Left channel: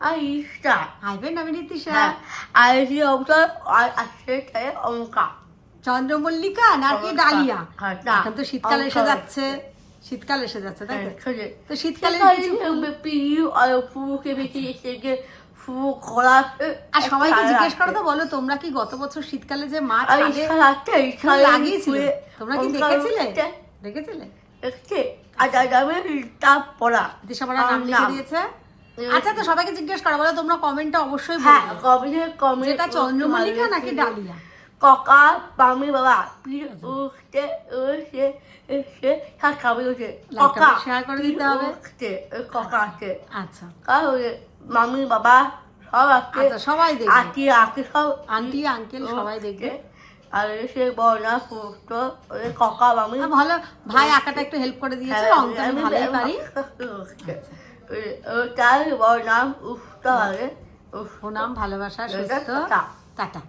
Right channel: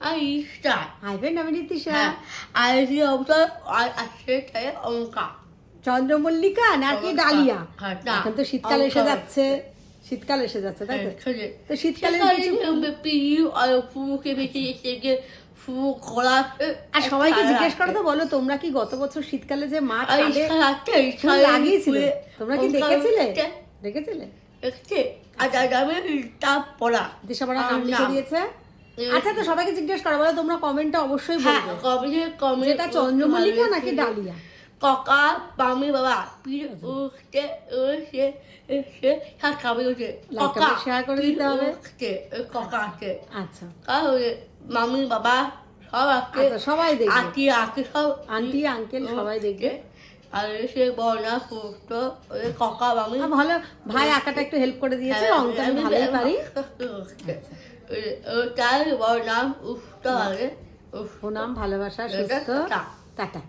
আইসা হাজবেন্ড আমি নীতিশা। হ্যাঁ আইসি অবসর আর আসছে অঙ্কা চন্দ্রমল্লিকা নাকি অঙ্কা। ডালিয়া? হ্যাঁ, না, এখন তো শীতকাল এসে অঙ্কা যাচ্ছে, শীতকাল এসে যাচ্ছে তাই তো? হ্যাঁ, তো শীতকালে কিছু পিউ আর ফুকে বেঁচে এসে ফু খোলা আর সবাইকে জিজ্ঞেস করো তো, বলো তোমরা কি গত বছর শীতকালে যে মাছ আগে লাগিয়েছিলে তোমরা কি দেখেছিলে? দেখেছিলে? দিশামারা নাম লিখে দিয়েছে। আচ্ছা তো সবাইকে জিজ্ঞেস করো, বলো তোমরা কমেন্টে অবশ্যই বলবে যেটা চন্দ্রমল্লিকা নাকি ডালিয়া। ককা মামি বাবা পীর উঠতে উঠে এসে খাবে উঠে ককা শেয়ার করে দিতে হবে। উঠতে ককা আছে আচ্ছা তাহলে মামি বাবা সব আছে আচ্ছা, সবাই দেখবে, আঁকি আঁকি সব আন্টি আঙ্কেল সবাই দেখবে। আর সে বর্ণা পুষ্ট ওই ককা মামি ভালো ভাই আঁকাটা একটু হেল্প করে দিয়েছে, অঙ্কটা আমি ভালোই পারি। তার বর্ণাম উঠতে হবে নাম ভালোবাসা সুস্থ। টাটা। টাটা।